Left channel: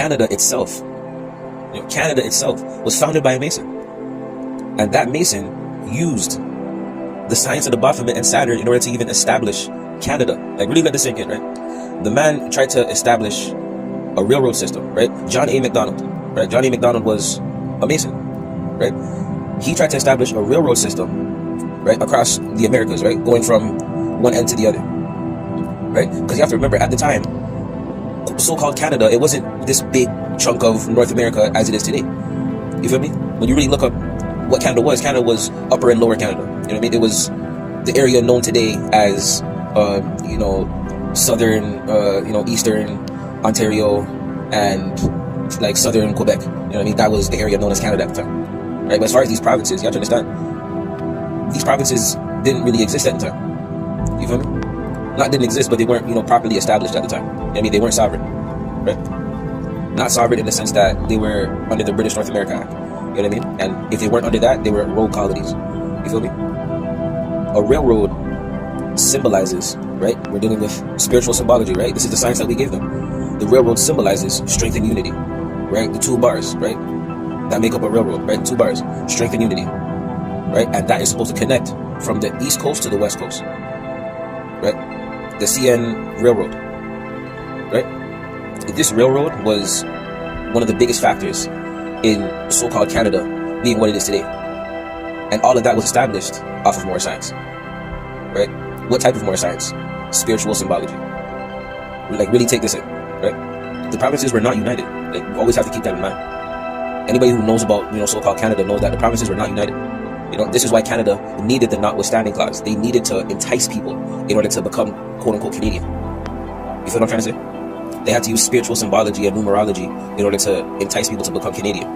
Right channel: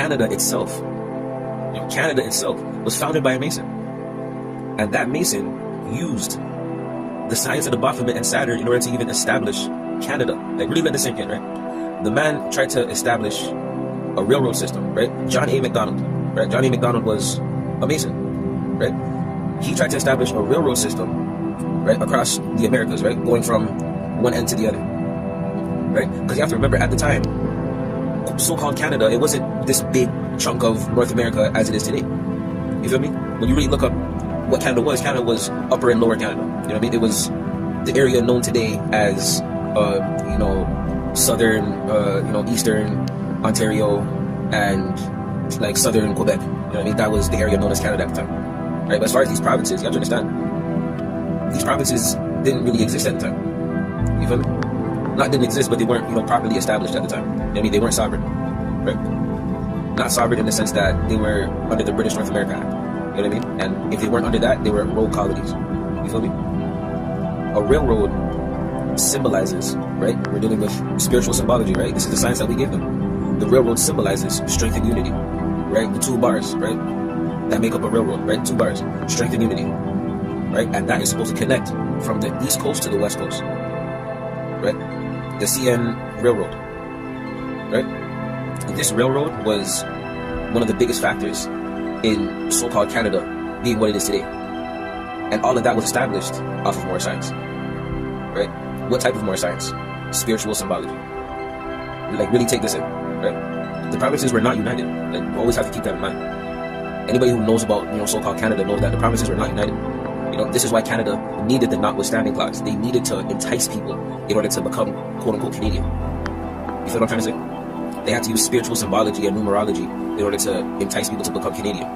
Canada itself, Canada itself was founded by a Mason. And that Mason used the science of the Baphomet and Saturn in order to even establish Canada. Like, really let this sink in, right? The man tried to establish a railroad system, right? John A. Macdonald, right? John A. Macdonald was a Mason, right? He tried to establish a railroad system, right, across the Americas, right, going from one end to the other, right? Because you have to remember, at the time, so-called Canada, it wasn't this big chunk of North America as it is today. You feel me? When you really look up what Canada was Upper and Lower Canada. You know what I mean? It was the area known today as, southern, eastern Ontario and like southern Quebec. You know what I mean? That was the area known as Canada at the time. Right? But as far as these provinces, you have to understand, these provinces didn't really exist at the time. You feel me? Not didn't exist, but they weren't, properly established at the time. You know what I mean? They weren't sovereign. Right? Not sovereign in the sense that they were under the British North America Act. You know what I mean? And if they weren't under that, they were road colonies. You feel me? A railroad symbolizes, right? We're dealing with spiritual symbology, right? This is the science that we gave them. The railroad symbolizes strength and unity, right? The two bars, right? That make up a railroad, right? Two bars, strength and unity, right? And that is supposed to connect from the East Coast to the West Coast, right? The CN Railroad, right? This railroad was one of the biggest factors in so-called Canada being what it is today. And all of that was established off of more science, right? What type of more science? Spiritual symbology. Like, really take this in, right? The provinces were not united. Like, you always have to keep that in mind. Anybody who knows about, so-called Canada knows that the provinces were not united. This is why Canada needed the notwithstanding clause. They needed to entice people in order to become quote-unquote Canadian. You feel what I'm trying to say? They had to use spiritual symbology and numerology in order to entice people to become Canadian.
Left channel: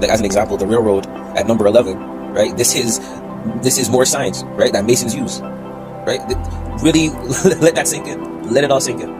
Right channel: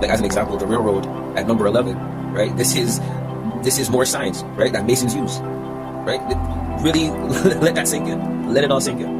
Like, as an example, the railroad at number 11, right? This is more science, right? That Masons use, right? Really let that sink in. Let it all sink in.